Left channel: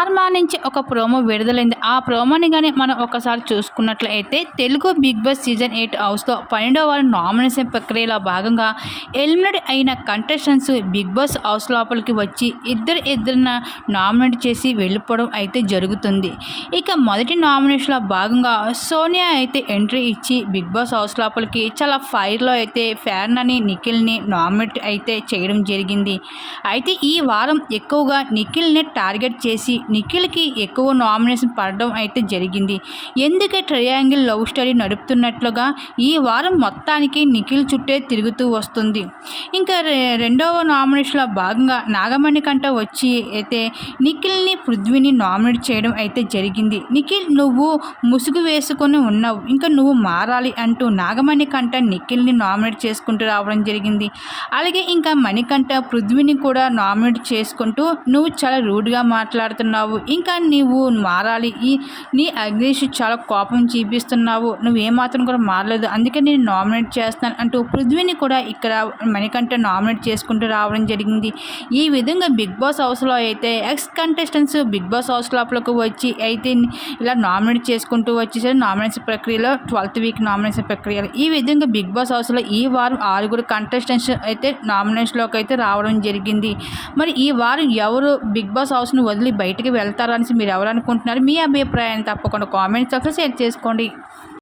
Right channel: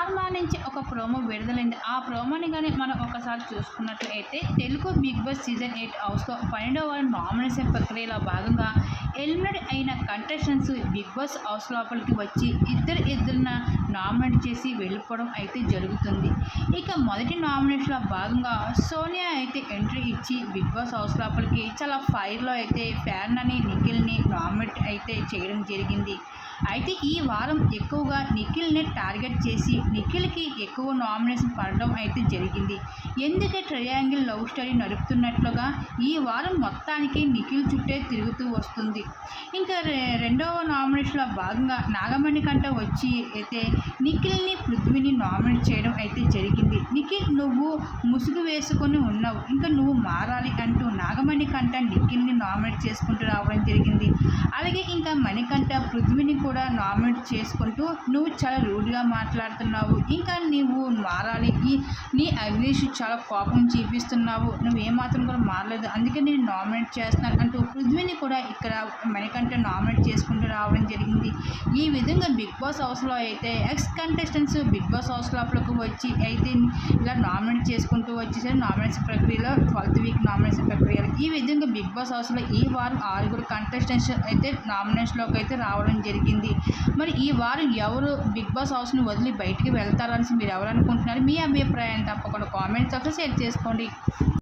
Star నుంచి ఒక promo విడుదలైంది. ఆ ప్రోమోని కానీ మనం ఒకసారి చూసుకున్నట్లయితే Telugu Bigg Boss season eight హౌస్లో పన్నెండవ వారం నామినేషన్ ప్రక్రియలో భాగంగా ఎలిమినేట్ అయిన కంటెస్టెంట్స్ బిగ్ బాస్ హౌస్ లోపలికి వచ్చి ఇద్దరు ఇద్దరిన నామినేట్ చేసి వెళ్ళిపోవడం అయితే జరుగుతుంది. ఇక మొదటి నామినేషన్లో భాగంగా సోనియా అయితే ఎంట్రీ ఇచ్చి బిగ్ బాస్ హౌస్ లోపలికి చాలా ఫైర్లో అయితే ఫ్యాన్ అని నిఖిల్ని నామినేట్ అయితే చేయడం జరిగింది. అయితే ఈ వారం ఎక్కువగా నిఖిల్ని టార్గెట్ చేసి నిఖిల్కి ఎక్కువ నామినేషన్ పడడం అయితే జరిగింది. ఎందుకే ట్రయాంగిల్ లవ్ స్టోరీ నడుపుతున్నట్లుగా ఈ వారం మొత్తానికి నిఖిల్ చుట్టే తిరుగుతూ వస్తుంది. ఇంకా రె- రెండవ నామినేషన్లో భాగంగా నాగమణి కంట వచ్చి అయితే నిఖిల్ని పృథ్వీని నామినేట్ చేయడం అయితే జరిగింది. నిఖిల్ నువ్వు ముసుగు వేసుకొని ఉన్నావు. ఇంకా నువ్వు మారాలి అంటూ నాగమణి కంట నిఖిల్ని నామినేట్ చేసుకుంటూ రావడం జరిగింది. అలాగే ఇంకా మణికంఠ పృథ్వీని కూడా నామినేట్ చేసుకుంటూ నువ్వు చాలా రూడ్గా మాట్లాడుతున్నావు. ఇంకా నీవు మారాలి. ఈ నీ అగ్నేష్ చాలా కోపం చూపిస్తున్నావు. నువ్వు ఏమాత్రం కూడా మారలేదు. అందుకే నేను నామినేట్ చేస్తాను అంటూ పృథ్వీని కూడా ఇక్కడ మణికంఠ నామినేట్ చేసుకుంటూ రావడం జరిగింది. ఈ విధంగా బిగ్ బాస్ హౌస్లో అయితే ex contestants big boss house లోపలకు వచ్చి అయితే ఇలా నామినేట్ చేసుకుంటూ వచ్చేసరి నామినేషన్ ప్రక్రియలో ట్వెల్త్ వీక్ నామినేషన్ ప్రక్రియలో. ఈ విధంగా బిగ్ బాస్ హౌస్లో ఈ వారం ఆరుగురు కంటెస్టెంట్స్ అయితే నామినేషన్లోకి అయితే రావడం జరిగింది. మరి ఈ వారం ఎవరు బిగ్ బాస్ హౌస్ను వదిలి బయటకు వెళ్తారని మీరు ఎవరు అనుకుంటున్నారు? మీ అభిప్రాయాన్ని తప్పకుండా కామెంట్స్ ఒకసారి షేర్ చేసుకోండి.